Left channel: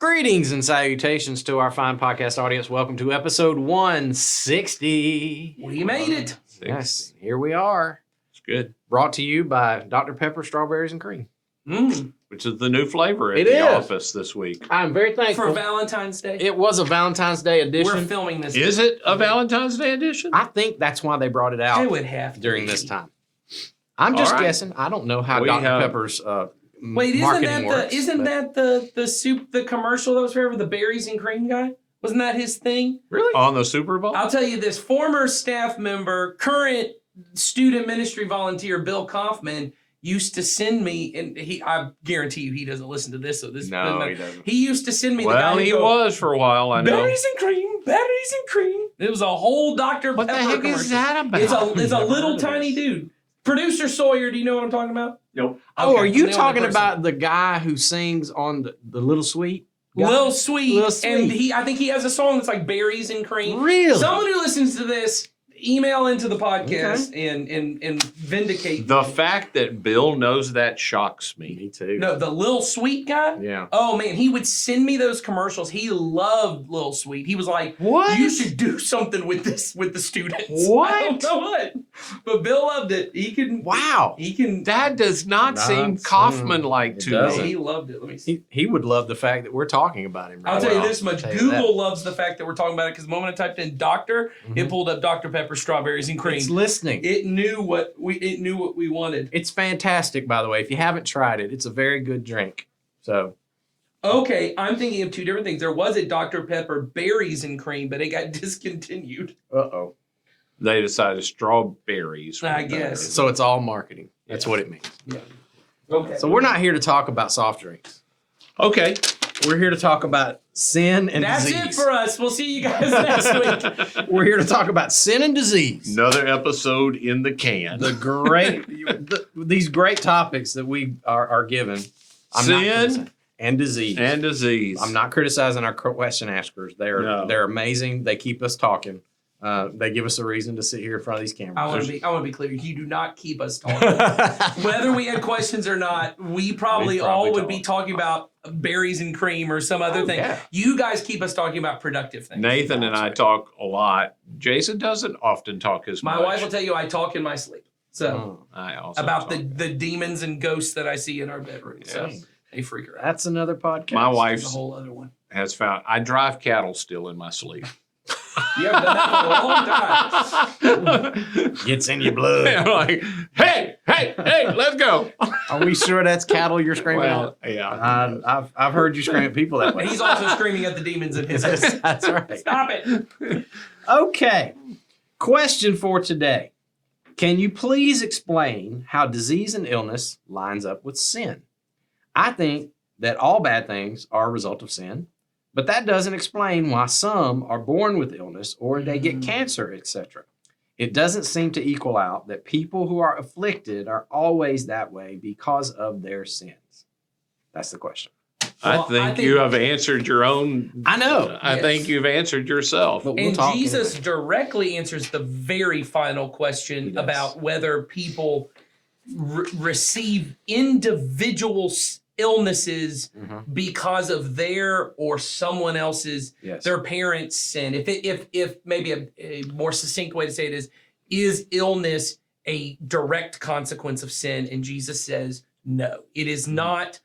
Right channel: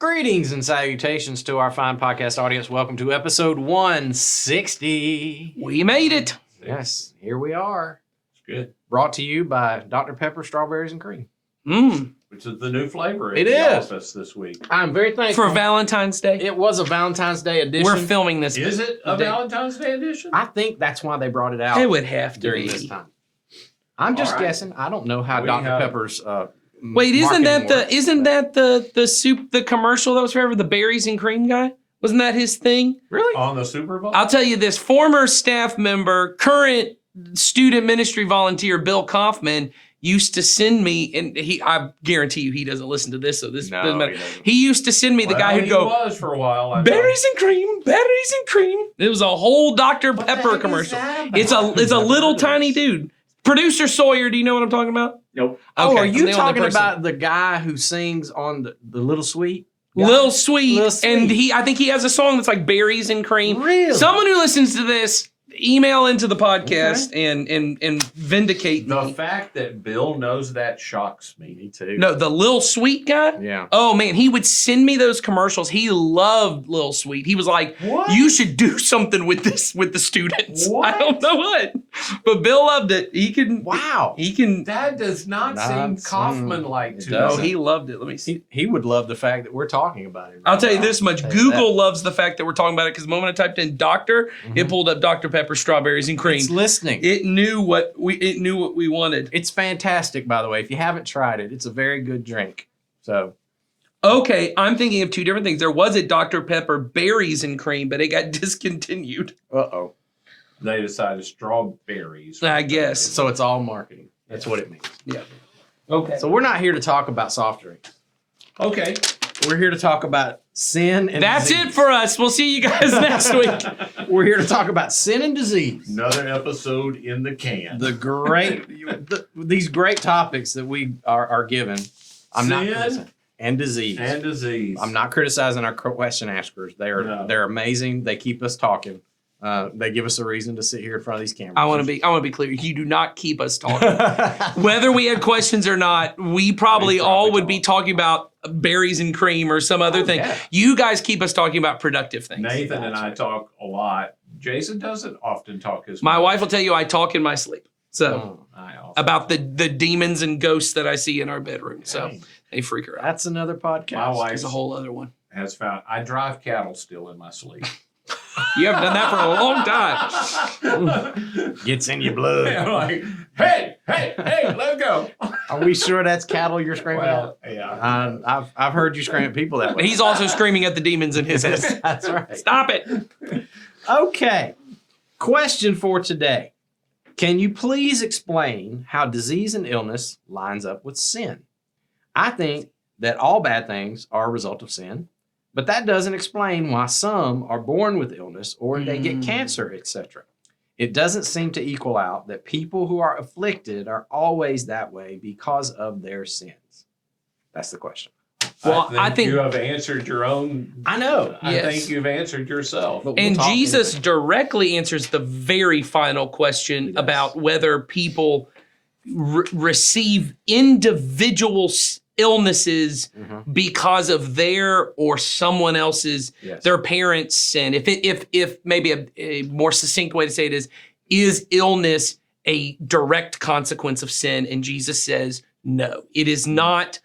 Greetings and salutations to our fine podcast audience. Welcome to episode 160. We made it. Yes, here we are. It's good. Brought to you by Dr. Pepper Strawberries and Cream. Which is the new flavor at It the is. office this week. I'm very thankful. For Valentine's Day. It was a Valentine's Day edition. We're filming this. Is it a Valentine's Day edition? I think that's why they brought it out It would have to during be. this time. I'm just All right. guessing. I don't know how We Dr. have- Pepper's Wait, isn't marketing that works, the soup, the commercial that was forever, the berries and cream guy? Wasn't that his thing? Really? On the Super Bowl? I'll tell you this, former staff member, current student ministry volunteer, Bill Kaufman, used to send me, and I guarantee you he doesn't listen to this, so this doesn't No, matter. he doesn't. He used to send me the well, guy who'd he go, was for a while. I know. berries and cream, berries and cream. It was a whole Dr. What the Pepper heck is commercial. that about? It's a little heard of tiny this. dude. Producer Sawyer, do you know what I'm talking about? Nope. Oh, Okay, are I'm you the only talking person. about the guy who sings on the Little Sweet? guy? Lil Sweet, Lil Sweet. and I think he has a song that's like berries and cream. Really? Someone who listens to this, email into the podcast and vindicate The me. fact that Bill knows that shocks me. Me too. No, the Lil Sweet guy. Yeah. Oh man, he would send me those commercials. He loved Lil Sweet. He was like, What? "You should do something with this with the students." What? I don't know what, but Bill loved it. He can. Wow. He can. That does not Not seem seem- Kaufman-like it to doesn't. me. He loved it. Let me see. He would love the fact that we're talking about him. I'll tell you Well, this much: I'll tell you Google that. loves the fact that we're talking about it because the moment I typed in "doctor," it pulled up Dr. Pepper strawberries and cream. It's listening. It knew what we wanted. It's fantastic, by the way. If you haven't tried it, it's a very good drink. So Okay, I'm thinking of two different things. There was a Dr. Pepper berries and cream, but it got discontinued. uh-oh. They decided strawberries. I guess. So it's all marketing. That's what it means. Yeah. Okay. So we're not here to talk about soft drinks. Okay. We're here to talk about sin and That's disease. it for us. We'll see you guys next week. We're here to talk about sin and disease. Another episode in the can. The great, these great topics that we are given. I'm not Sin criticizing. And disease. and disease. I'm not criticizing our question askers. No. They're amazing. They keep us talking. They give us a reason to sit here in front of these cameras. I want to be clear. You do not keep us talking. Whether we had questions or not, we probably all would be talking about berries and cream or some other Oh, thing. yeah. You guys keep us talking about productive things. Nathan and I talk a lot. Jason doesn't often talk as much. My wife will tell you I talk in my sleep. So I also about talk. the demons and ghosts that I see in our bedroom. So Dang. they freak her out. That's another podcast. My wife That's a whole other one. has found I drive cattle still in my sleep. You haven't done that for a long time. Gets in your blood. I'm like, hey, let's go. Are we sure that's cattle you're screaming Well, at? yeah. I've heard you scream at people that way. He's also screaming at the demons in his head. That's right. Stop it. Okay. Question for today. Can you please explain how disease and illness lines up with sin? I think that all bad things are a result of sin, but that doesn't explain why some are born with illness or they get cancer, etc. It doesn't seem to equal out that people who are afflicted are always that way because of their sins. That's the question. Well, I think you have answered your own. I know. I Yes. think you've answered yourself. But we'll And talk Jesus anyway. directly answers the very final He question does. about whether people receive individual illnesses Mhm. because of their or someone else's, Yes. their parents' sin. If maybe a more succinct way to say it is illness a direct consequence of sin? And Jesus says, no, it is not.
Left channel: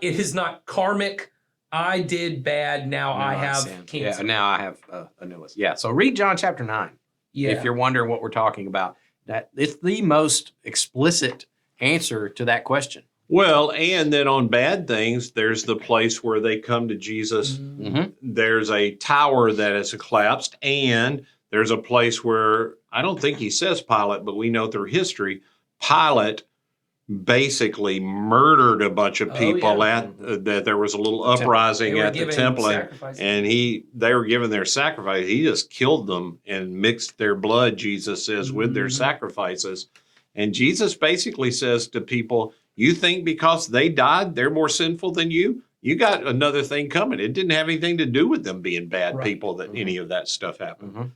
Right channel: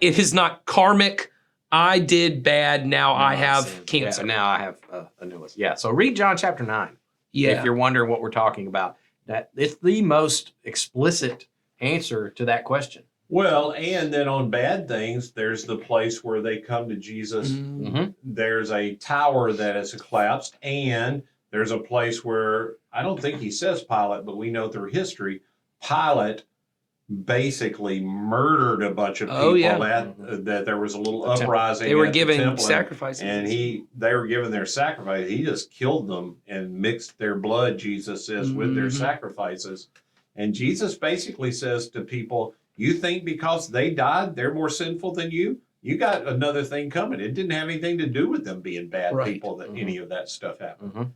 It is not karmic. I did bad. Now I have sin. cancer. Yeah, now I have an illness. Yeah. So read John chapter 9. Yeah. If you're wondering what we're talking about, that it's the most explicit answer to that question. Well, and then on bad things, there's the place where they come to Jesus. Mm-hmm. There's a tower that has collapsed, and there's a place where I don't think he says Pilate, but we know through history, Pilate basically murdered a bunch of Oh, people yeah. that there was a little The temple. uprising They were at the giving temple, sacrifices. and they were giving their sacrifice. He just killed them and mixed their blood, Jesus says, with their Mhm. sacrifices. And Jesus basically says to people, you think because they died, they're more sinful than you? You got another thing coming. It didn't have anything to do with them being bad Right. people that any of that stuff happened. Mm-hmm.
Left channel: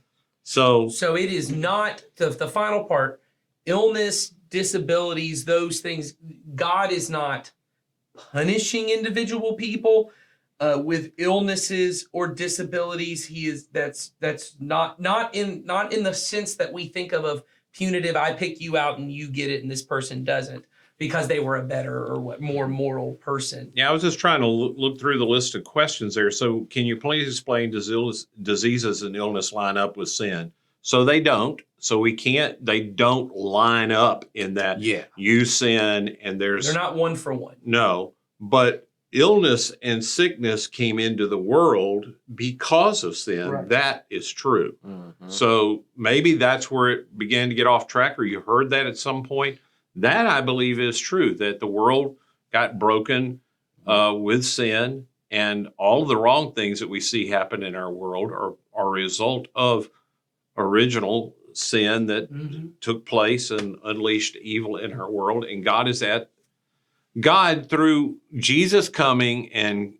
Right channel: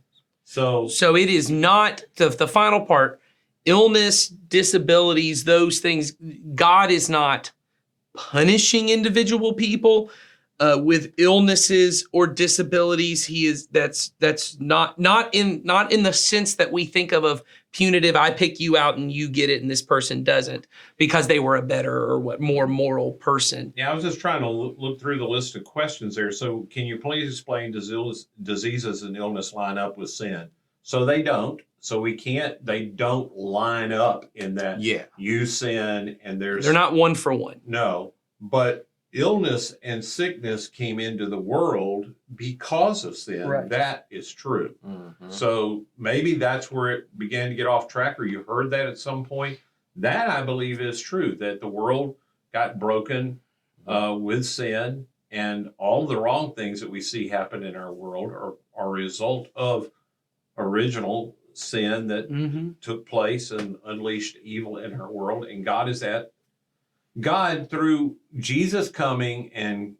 So it is not the final part. Illness, disabilities, those things. God is not punishing individual people. with illnesses or disabilities. He is that's not in the sense that we think of punitive. I pick you out and you get it, and this person doesn't because they were a better or more moral person. Yeah, I was just trying to look through the list of questions there. So, can you please explain, does diseases and illness line up with sin? So they don't. So they don't line up in that Yeah. you sin and They're not one for one. no, but illness and sickness came into the world because of sin. Right. That is true. Mhm. So maybe that's where it began to get off track, or you heard that at some point. That I believe is true, that the world got broken with sin, and all the wrong things that we see happen in our world are a result of original sin that took place and unleashed evil in our world. And God, through Jesus coming and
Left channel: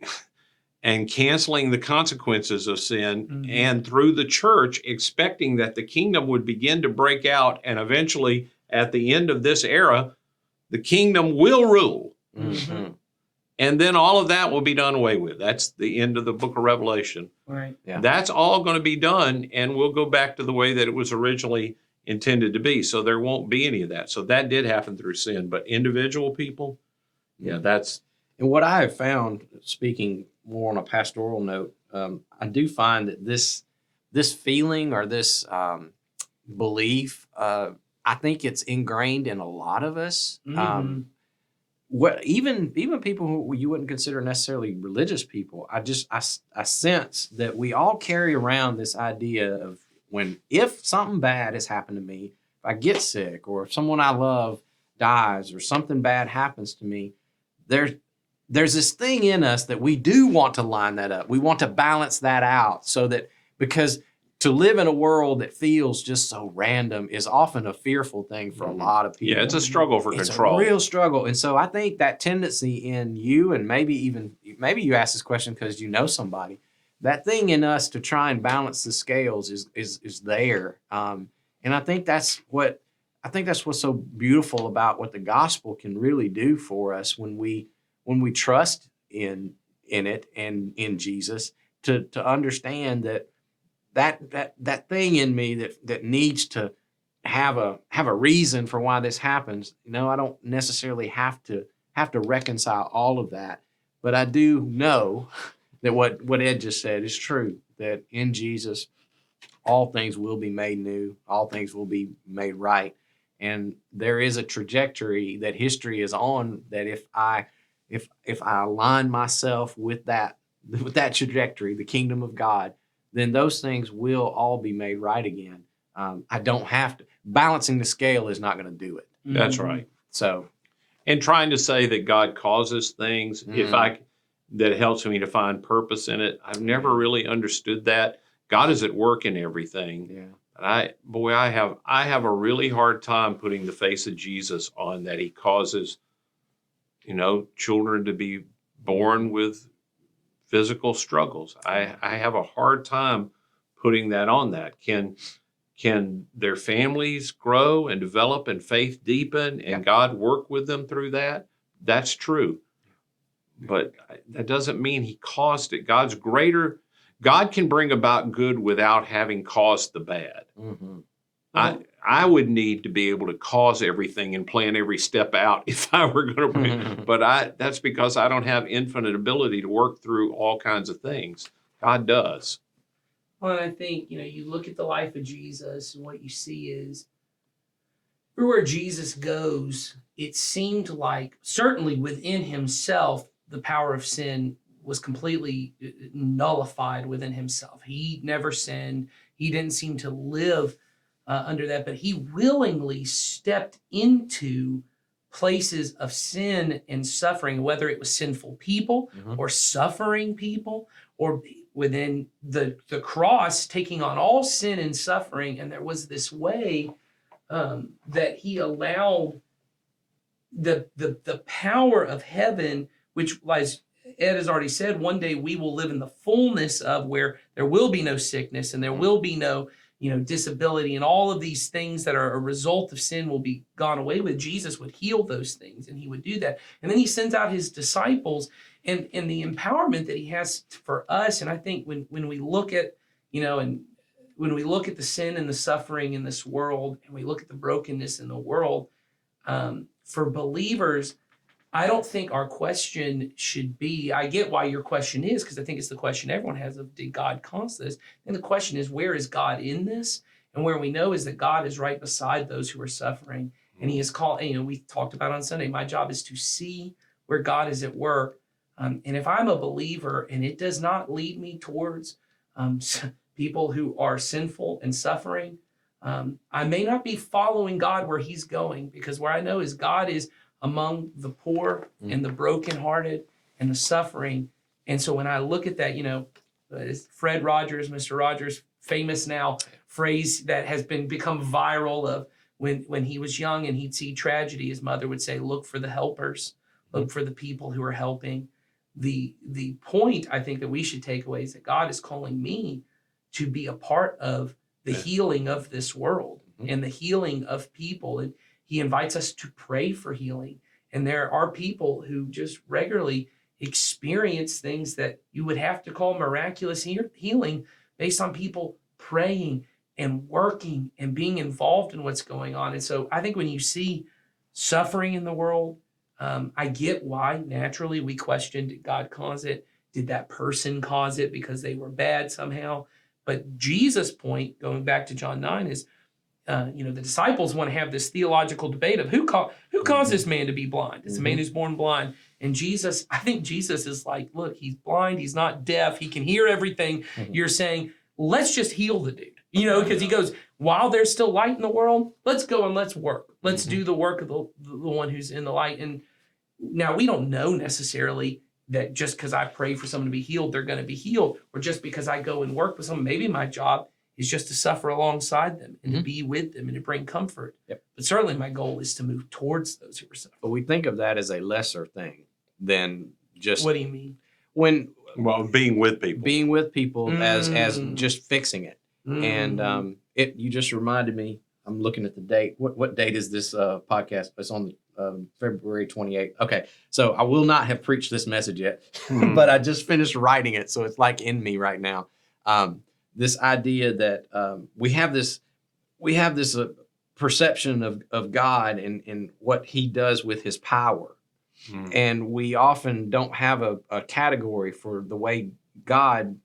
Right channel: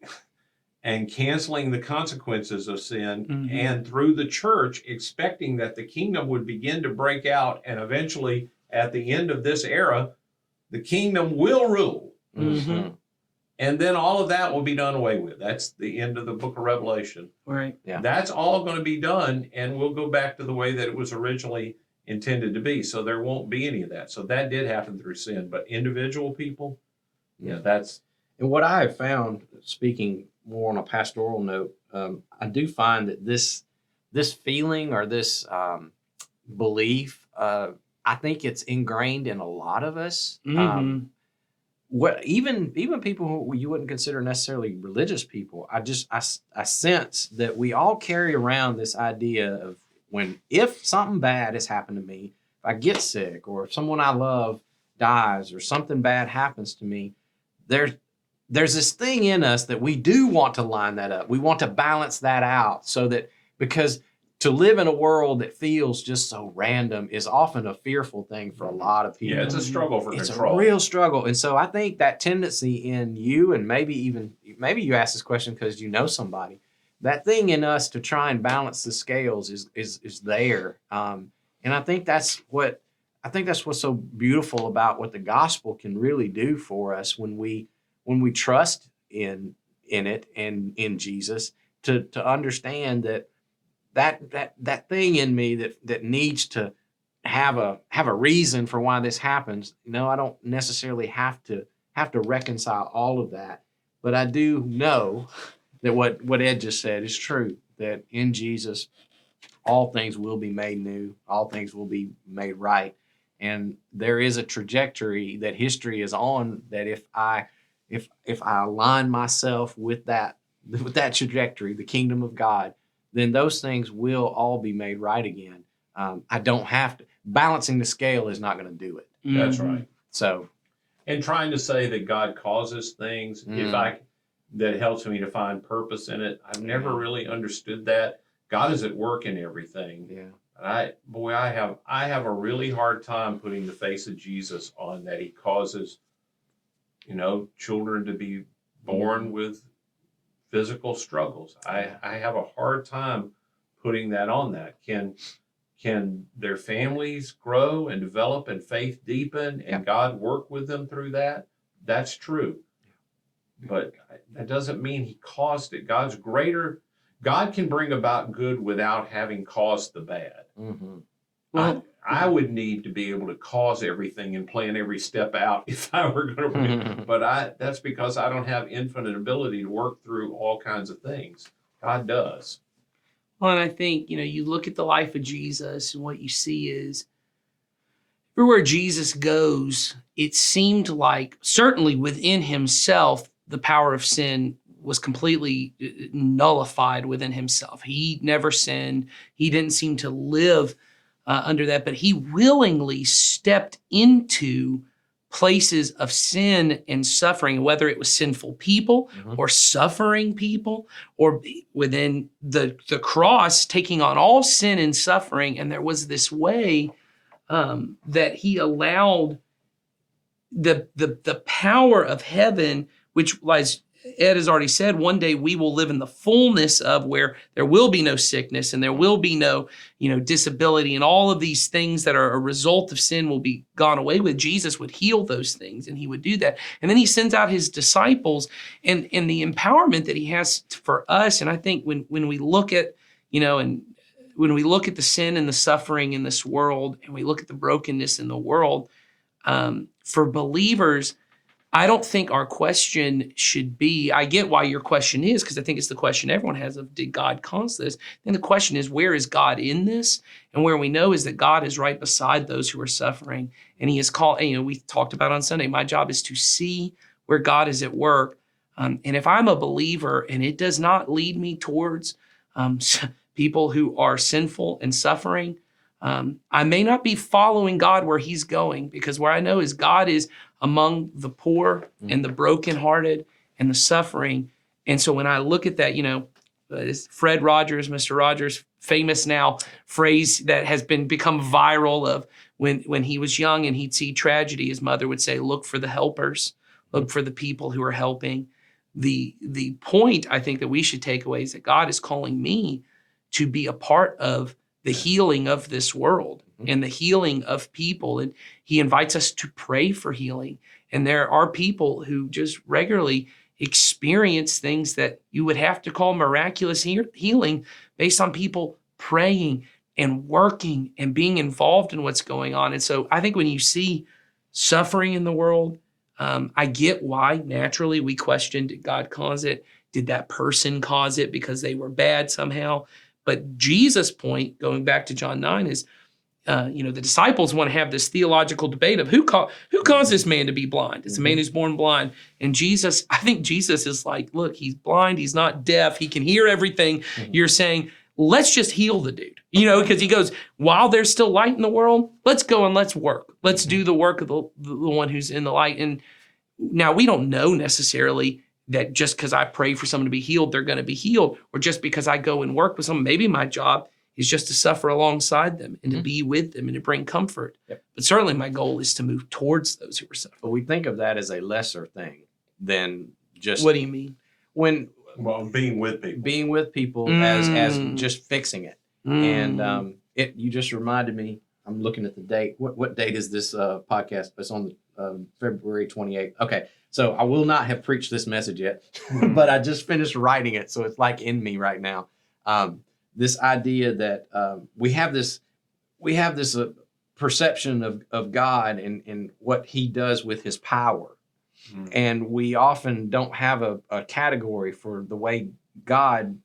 canceling the consequences of sin, and through the church expecting that the kingdom would begin to break out, and eventually at the end of this era, the kingdom will rule. Mhm. And then all of that will be done away with. That's the end of the book of Revelation. Right. Yeah. That's all going to be done, and we'll go back to the way that it was originally intended to be. So there won't be any of that. So that did happen through sin, but individual people, yeah, that's And what I have found, speaking more on a pastoral note, I do find that this feeling or this belief, I think it's ingrained in a lot of us. What even people who you wouldn't consider necessarily religious people, I sense that we all carry around this idea of if something bad has happened to me, if I get sick, or if someone I love dies, or something bad happens to me, there's this thing in us that we do want to line that up. We want to balance that out, so that, because to live in a world that feels just so random is often a fearful thing for a lot of people. yeah, it's a struggle for It's control. a real struggle. And so I think that tendency in you, and maybe you ask this question because you know somebody, that thing in us to try and balance the scales is there. And I think that's what's so beautiful about what the gospel can really do for us when we trust in it and in Jesus, to understand that thing in me that needs to have a reason for why this happens. I don't necessarily have to reconcile all of that, but I do know that what Ed just said is true, that in Jesus all things will be made new, all things will be made right. And there is a trajectory that history is on, that if I align myself with that trajectory, the kingdom of God, then those things will all be made right again. I don't have to. Balancing the scale is not going to do it. That's right. So, And trying to say that God causes things, that helps me to find purpose in it. I've never really understood that. God is at work in everything. yeah. And I have a really hard time putting the face of Jesus on that. He causes, children to be born with physical struggles. I have a hard time putting that on that. Can their families grow and develop and faith deepen and God work with them through that? That's true. But that doesn't mean he caused it. God's greater. God can bring about good without having caused the bad. Mm-hmm. I would need to be able to cause everything and plan every step out if I were going to bring, but that's because I don't have infinite ability to work through all kinds of things. God does. Well, and I think, you look at the life of Jesus, and what you see is everywhere Jesus goes, it seemed like, certainly within himself, the power of sin was completely nullified within himself. He never sinned. He didn't seem to live under that, but he willingly stepped into places of sin and suffering, whether it was sinful people or suffering people, or within the cross, taking on all sin and suffering. And there was this way that he allowed the power of heaven, which lies Ed has already said, one day we will live in the fullness of where there will be no sickness and there will be no, disability, and all of these things that are a result of sin will be gone away with. Jesus would heal those things, and he would do that. And then he sends out his disciples, and the empowerment that he has for us. And I think when we look at, and when we look at the sin and the suffering in this world, and we look at the brokenness in the world, for believers, I don't think our question should be, I get why your question is, because I think it's the question everyone has of, did God cause this? And the question is, where is God in this? And where we know is that God is right beside those who are suffering. And he is called, we talked about on Sunday, my job is to see where God is at work. And if I'm a believer and it does not lead me towards people who are sinful and suffering, I may not be following God where he's going, because where I know is God is among the poor and the brokenhearted and the suffering. And so when I look at that, Fred Rogers, Mr. Rogers, famous now phrase that has become viral of when he was young and he'd see tragedy, his mother would say, look for the helpers, look for the people who are helping. The point I think that we should take away is that God is calling me to be a part of the healing of this world and the healing of people. And he invites us to pray for healing. And there are people who just regularly experience things that you would have to call miraculous healing based on people praying and working and being involved in what's going on. And so I think when you see suffering in the world, I get why naturally we question, did God cause it? Did that person cause it because they were bad somehow? But Jesus' point, going back to John 9, is, the disciples want to have this theological debate of who caused this man to be blind? It's a man who's born blind. And Jesus, I think Jesus is like, look, he's blind. He's not deaf. He can hear everything you're saying. Let's just heal the dude, because he goes, while there's still light in the world, let's go and let's work. Let's do the work of the one who's in the light. And now we don't know necessarily that just because I pray for someone to be healed, they're going to be healed, or just because I go and work with someone, maybe my job is just to suffer alongside them and to be with them and to bring comfort. Yep. But certainly my goal is to move towards those who are suffering. But we think of that as a lesser thing than just... What do you mean? Being with people. Being with people as just fixing it. And you just reminded me, I'm looking at the date. What date is this podcast? It's on the February 28th. Okay, so I will not have preached this message yet, but I just finished writing it, so it's like in me right now. This idea that we have this perception of God and what he does with his power. And we often don't have a category for the way God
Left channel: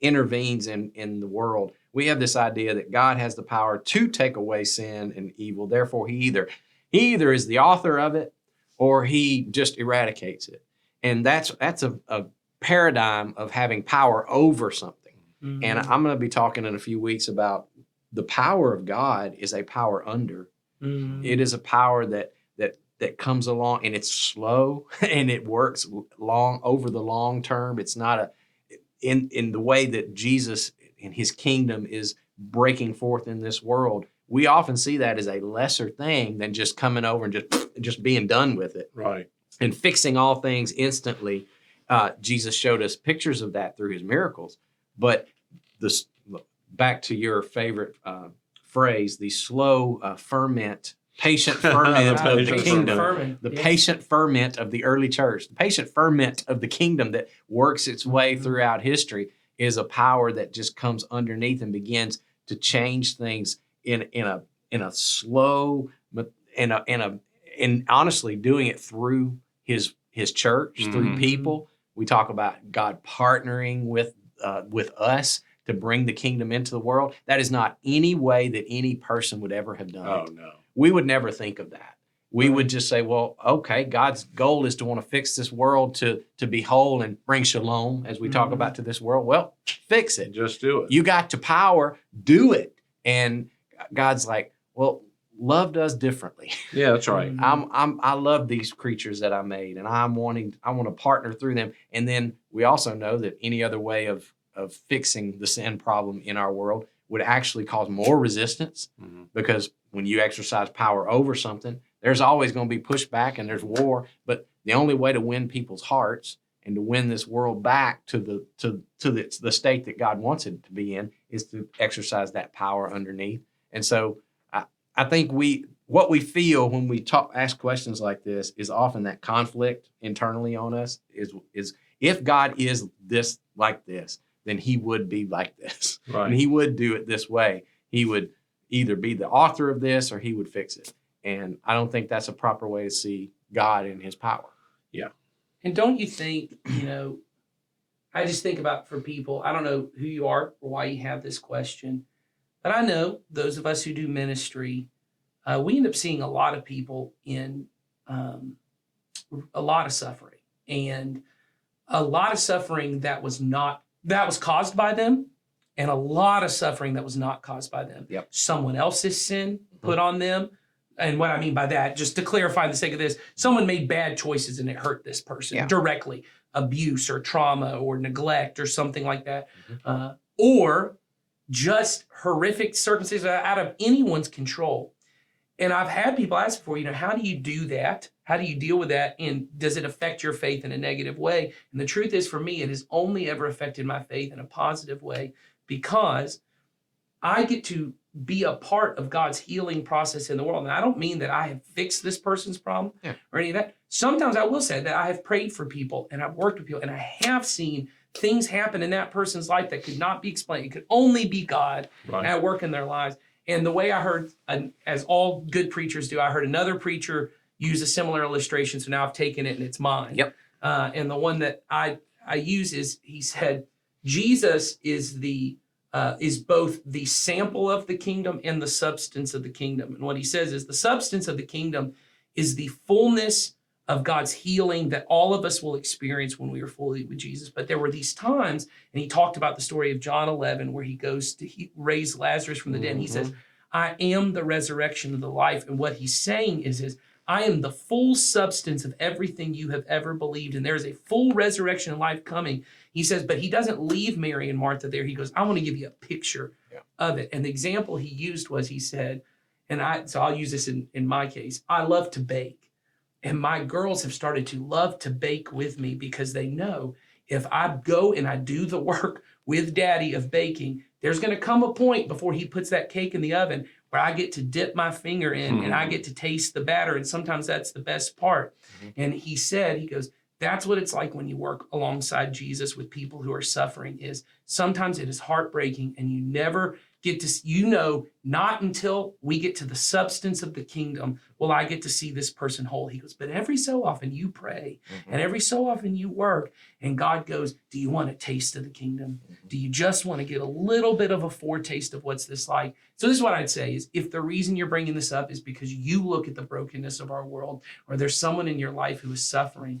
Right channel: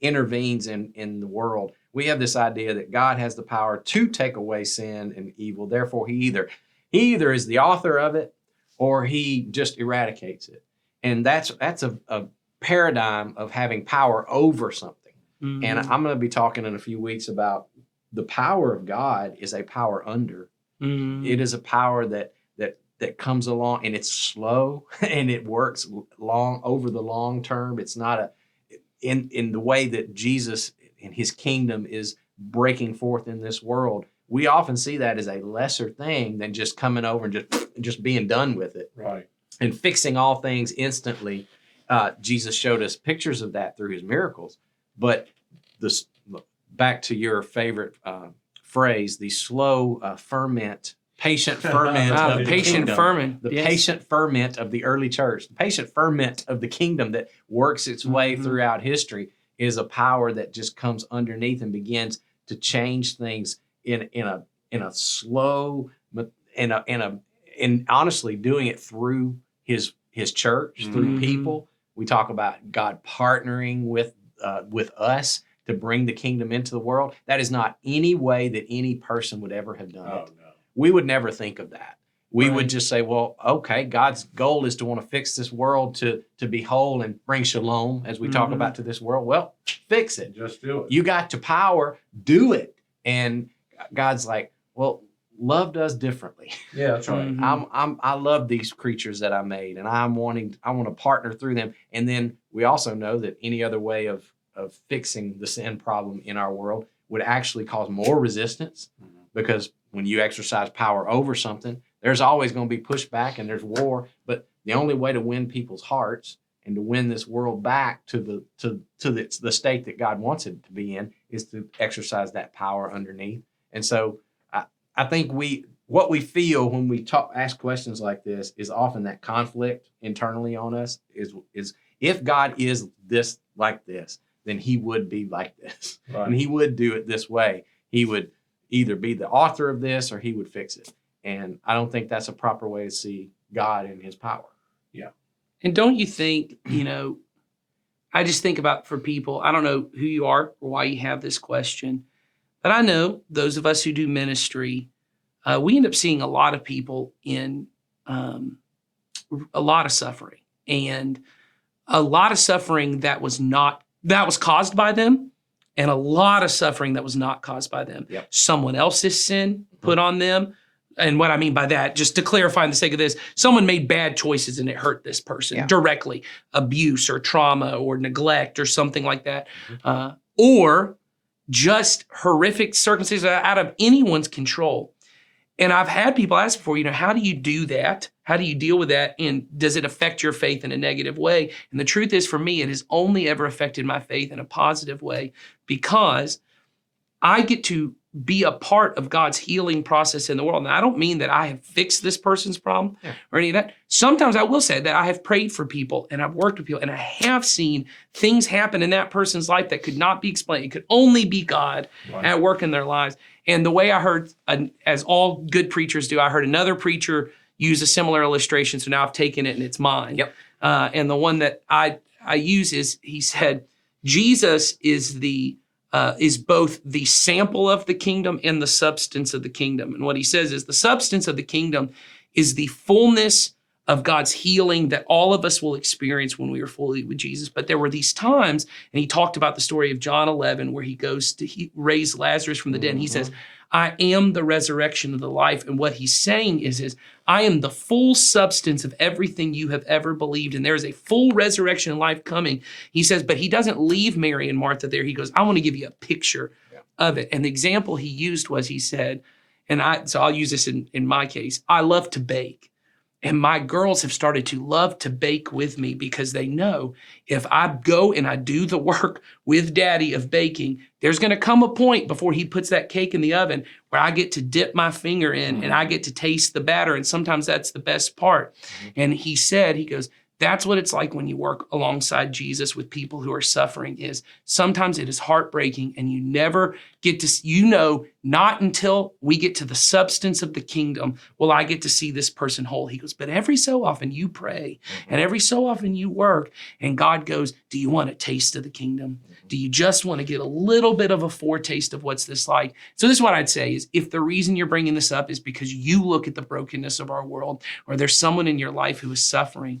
intervenes in the world. We have this idea that God has the power to take away sin and evil. Therefore, he either is the author of it or he just eradicates it. And that's a paradigm of having power over something. And I'm going to be talking in a few weeks about the power of God is a power under. It is a power that comes along, and it's slow and it works over the long term. It's not in the way that Jesus and his kingdom is breaking forth in this world. We often see that as a lesser thing than just coming over and just being done with it. Right. And fixing all things instantly. Jesus showed us pictures of that through his miracles. But back to your favorite phrase, the slow patient ferment of the kingdom. Patient ferment of the early church. The patient ferment of the kingdom that works its way throughout history is a power that just comes underneath and begins to change things in a slow, and honestly doing it through his church, through people. We talk about God partnering with us to bring the kingdom into the world. That is not any way that any person would ever have done it. No. We would never think of that. We would just say, well, okay, God's goal is to want to fix this world to be whole and bring shalom, as we talk about, to this world. Well, fix it. Just do it. You got to power, do it. And God's like, well, love does differently. Yeah, that's right. I love these creatures that I made, and I want to partner through them. And then we also know that any other way of fixing the sin problem in our world would actually cause more resistance, because when you exercise power over something, there's always going to be pushback and there's war. But the only way to win people's hearts and to win this world back to the state that God wants it to be in is to exercise that power underneath. And so I think what we feel when we ask questions like this is often that conflict internally on us is if God is this like this, then he would be like this. Right. And he would do it this way. He would either be the author of this or he would fix it. And I don't think that's a proper way to see God and his power. And don't you think, I just think about for people, I don't know who you are or why you have this question, but I know those of us who do ministry, we end up seeing a lot of people in a lot of suffering, and a lot of suffering that was caused by them, and a lot of suffering that was not caused by them. Yep. Someone else's sin put on them. And what I mean by that, just to clarify in the sake of this, someone made bad choices and it hurt this person directly, abuse or trauma or neglect or something like that, or just horrific circumstances out of anyone's control. And I've had people ask before, how do you do that? How do you deal with that? And does it affect your faith in a negative way? And the truth is, for me, it has only ever affected my faith in a positive way, because I get to be a part of God's healing process in the world. And I don't mean that I have fixed this person's problem or any of that. Sometimes I will say that I have prayed for people and I've worked with people and I have seen things happen in that person's life that could not be explained. It could only be God at work in their lives. And the way I heard, as all good preachers do, I heard another preacher use a similar illustration. So now I've taken it and it's mine. Yep. And the one that I use is, he said, Jesus is both the sample of the kingdom and the substance of the kingdom. And what he says is the substance of the kingdom is the fullness of God's healing that all of us will experience when we are fully with Jesus. But there were these times, and he talked about the story of John 11, where he goes to raise Lazarus from the dead. And he says, I am the resurrection of the life. And what he's saying is I am the full substance of everything you have ever believed. And there is a full resurrection and life coming. He says, but he doesn't leave Mary and Martha there. He goes, I want to give you a picture of it. And the example he used was, he said, so I'll use this in my case, I love to bake. And my girls have started to love to bake with me because they know if I go and I do the work with Daddy of baking, there's going to come a point before he puts that cake in the oven where I get to dip my finger in and I get to taste the batter. And sometimes that's the best part. And he said, he goes, that's what it's like when you work alongside Jesus with people who are suffering. Is sometimes it is heartbreaking and you never get to, not until we get to the substance of the kingdom will I get to see this person whole. He goes, but every so often you pray and every so often you work, and God goes, do you want a taste of the kingdom? Do you just want to get a little bit of a foretaste of what's this like? So this is what I'd say is, if the reason you're bringing this up is because you look at the brokenness of our world, or there's someone in your life who is suffering,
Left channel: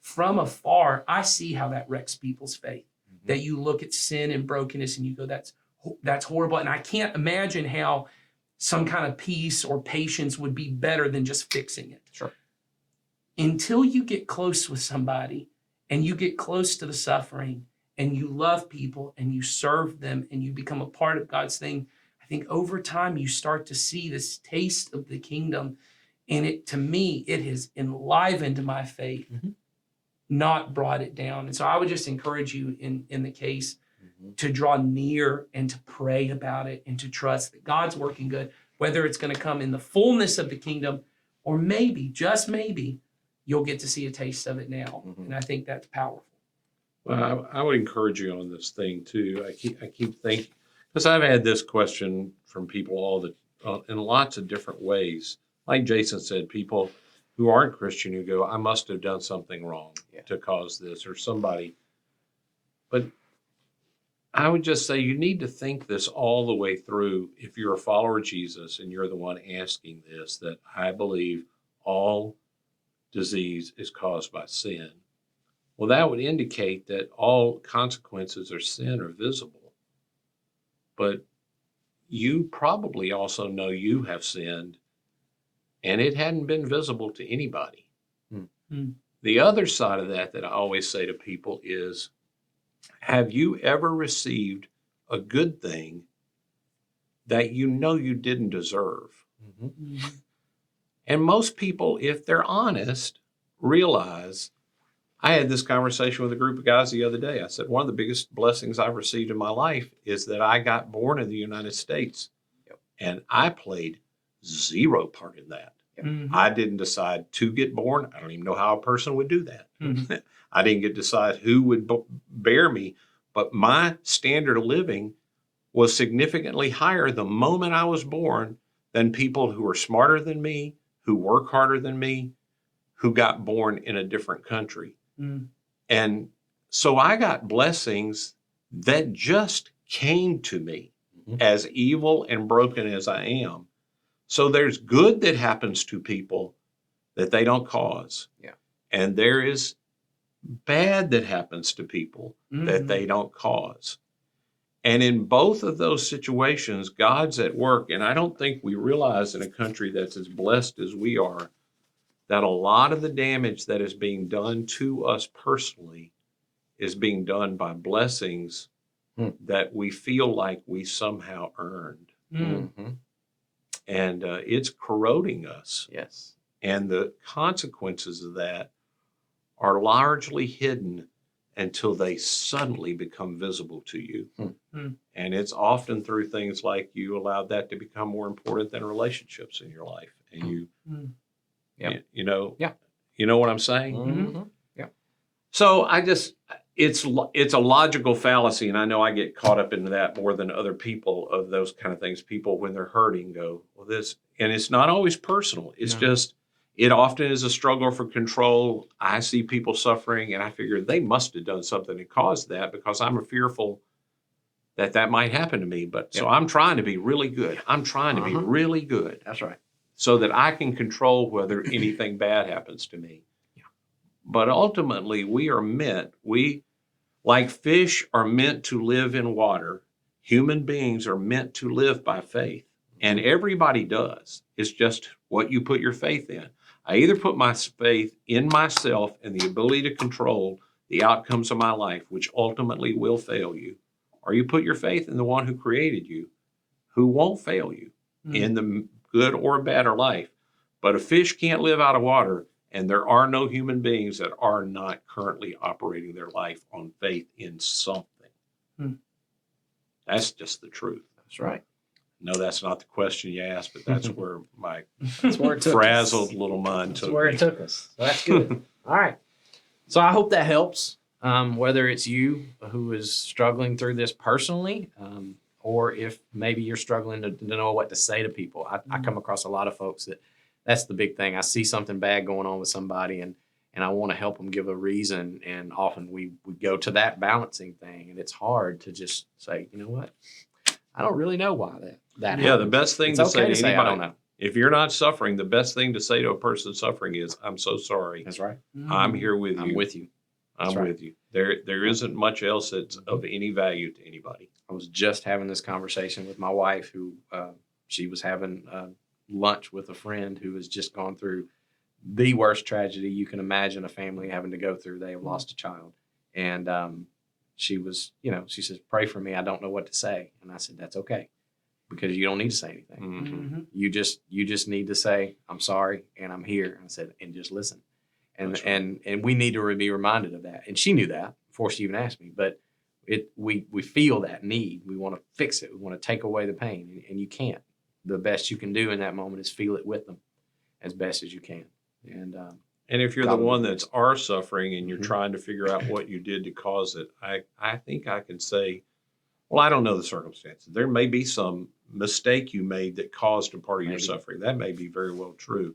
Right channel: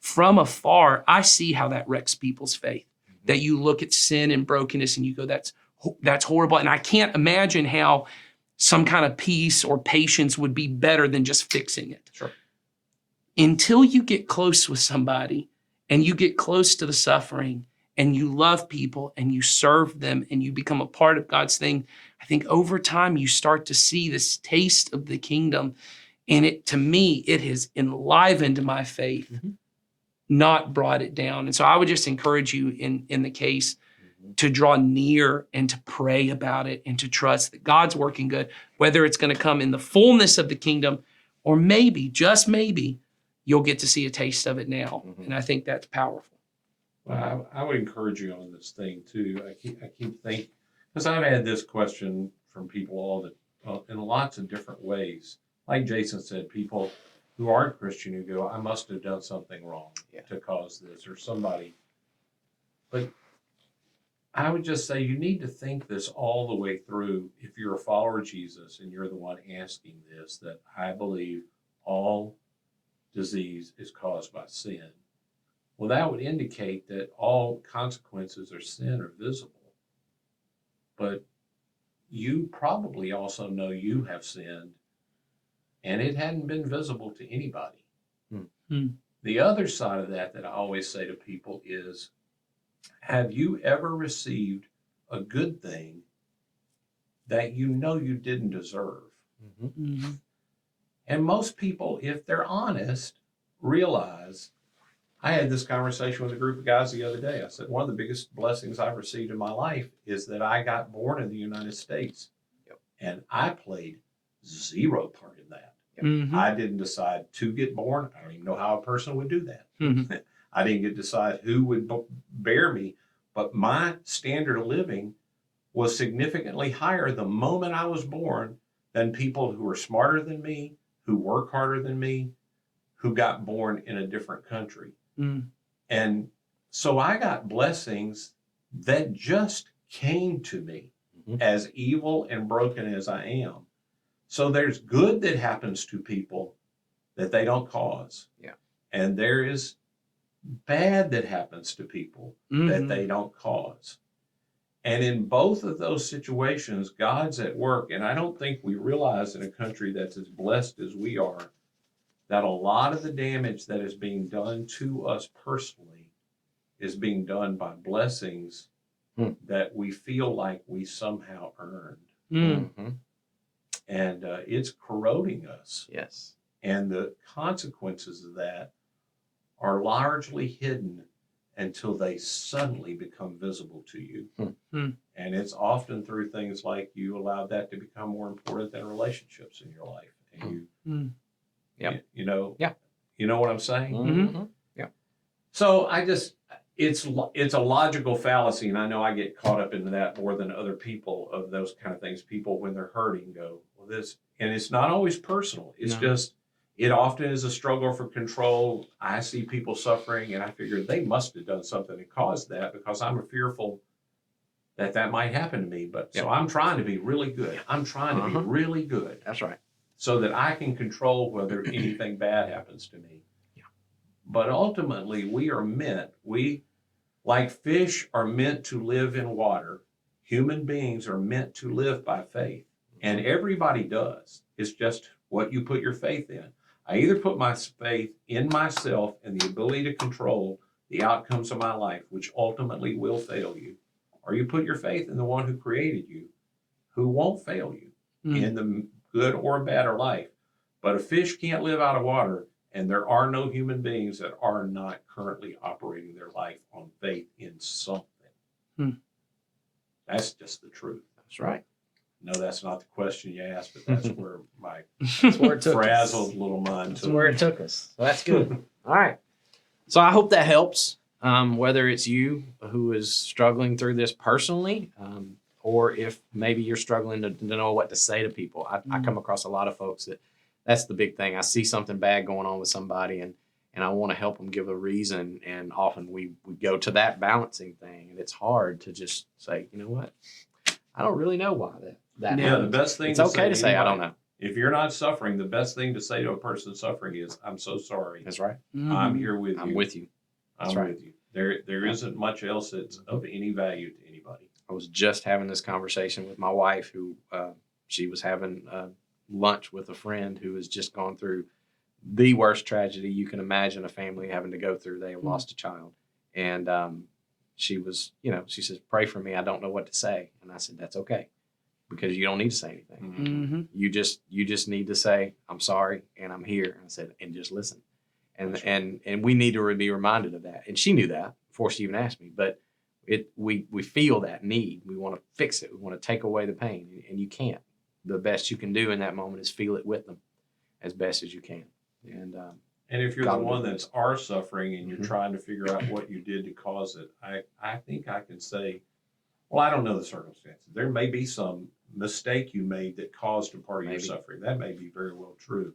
from afar, I see how that wrecks people's faith. That you look at sin and brokenness and you go, that's horrible. And I can't imagine how some kind of peace or patience would be better than just fixing it. Sure. Until you get close with somebody and you get close to the suffering and you love people and you serve them and you become a part of God's thing, I think over time you start to see this taste of the kingdom. And to me, it has enlivened my faith. Not brought it down. And so I would just encourage you in the case to draw near and to pray about it and to trust that God's working good, whether it's going to come in the fullness of the kingdom, or maybe, just maybe, you'll get to see a taste of it now. And I think that's powerful. Well, I would encourage you on this thing too. I keep thinking, because I've had this question from people in lots of different ways. Like Jason said, people who aren't Christian who go, I must have done something wrong to cause this, or somebody. But I would just say you need to think this all the way through. If you're a follower of Jesus and you're the one asking this, that I believe all disease is caused by sin. Well, that would indicate that all consequences of sin are visible. But you probably also know you have sinned, and it hadn't been visible to anybody. The other side of that I always say to people is, have you ever received a good thing that you know you didn't deserve? And most people, if they're honest, realize I had this conversation with a group of guys the other day. I said, one of the biggest blessings I've received in my life is that I got born in the United States. Yep. And I played zero part in that. Mhm. I didn't decide to get born. I don't even know how a person would do that. Mhm. I didn't get to decide who would bear me, but my standard of living was significantly higher the moment I was born than people who are smarter than me, who work harder than me, who got born in a different country. Mm. And so I got blessings that just came to me, Mhm. as evil and broken as I am. So there's good that happens to people that they don't cause. Yeah. And there is bad that happens to people that Mhm. they don't cause. And in both of those situations, God's at work. And I don't think we realize in a country that's as blessed as we are that a lot of the damage that is being done to us personally is being done by blessings that we feel like we somehow earned. Mm. Mhm. And it's corroding us. Yes. And the consequences of that are largely hidden until they suddenly become visible to you. Hmm. And it's often through things like you allowed that to become more important than relationships in your life. And you, Mm. Yep. you know, Yeah. You know what I'm saying? Mhm. So it's a logical fallacy, and I know I get caught up into that more than other people of those kind of things. People, when they're hurting, go, well, this, and it's not always personal. It's No. just, it often is a struggle for control. I see people suffering, and I figure they must have done something that caused that because I'm fearful that might happen to me. But so I'm trying to be really good. I'm trying to be really good That's right. so that I can control whether anything bad happens to me. But ultimately, like fish are meant to live in water, human beings are meant to live by faith. And everybody does. It's just what you put your faith in. I either put my faith in myself and the ability to control the outcomes of my life, which ultimately will fail you, or you put your faith in the one who created you, who won't fail you in the good or bad of life. But a fish can't live out of water. And there are no human beings that are not currently operating their life on faith in something. That's just the truth. That's right. No, that's not the question you asked, but that's where my That's where it took us. frazzled little mind That's took where me. it took us. So that's good. All right. So I hope that helps. Whether it's you who is struggling through this personally, or if maybe you're struggling to know what to say to people. I come across a lot of folks that's the big thing. I see something bad going on with somebody and I want to help them give a reason. And often we go to that balancing thing, and it's hard to just say, you know what? I don't really know why that Yeah, the happened. best thing It's to okay to say, I anybody, don't know. if you're not suffering, the best thing to say to a person suffering is, I'm so sorry. That's right. I'm here with you. I'm with you. I'm That's right. with you. There isn't much else that's of any value to anybody. I was just having this conversation with my wife, who she was having lunch with a friend who has just gone through the worst tragedy you can imagine a family having to go through. They have lost a child. And she was, she says, pray for me. I don't know what to say. And I said, that's okay, because you don't need to say anything. You just need to say, I'm sorry and I'm here. And I said, and just listen. And and we need to be reminded of that. And she knew that before she even asked me. But we feel that need. We want to fix it. We want to take away the pain, and you can't. The best you can do in that moment is feel it with them as best as you can. And if you're God the will one do it. that's are suffering and you're Mhm. trying to figure out what you did to cause it, I think I can say, well, I don't know the circumstances. There may be some mistake you made that caused a part of Maybe. your suffering. That may be very well true.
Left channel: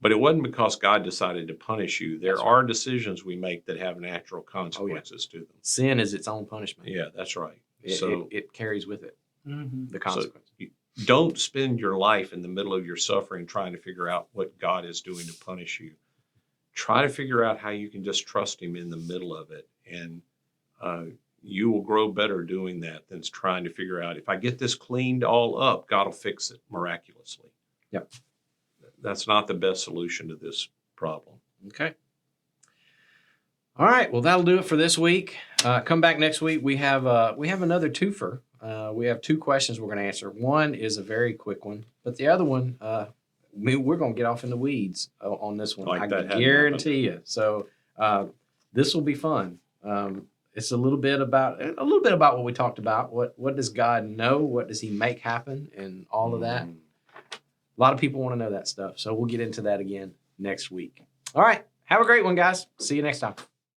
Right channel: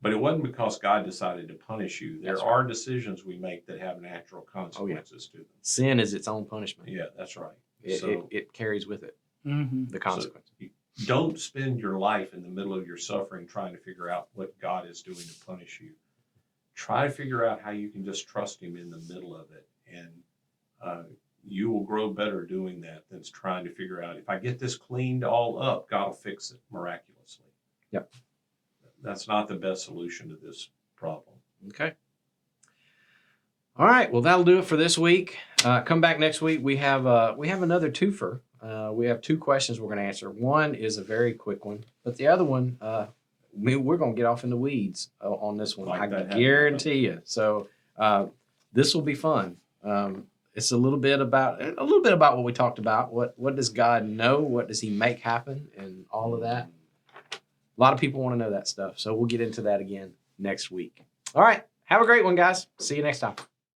But it wasn't because God decided to punish you. There That's are decisions we make that have natural consequences to them. sin is its own punishment. Yeah, that's right. It carries with it the consequence. Don't spend your life in the middle of your suffering trying to figure out what God is doing to punish you. Try to figure out how you can just trust Him in the middle of it. And you will grow better doing that than trying to figure out, if I get this cleaned all up, God will fix it miraculously. Yep. That's not the best solution to this problem. Okay. All right. Well, that'll do it for this week. Come back next week. We have another twofer. We have two questions we're going to answer. One is a very quick one, but the other one, we're going to get off in the weeds on this one. Like I that hadn't guarantee you. So This will be fun. It's a little bit about what we talked about. What does God know? What does He make happen? And all of that. A lot of people want to know that stuff. So we'll get into that again next week. All right. Have a great one, guys. See you next time.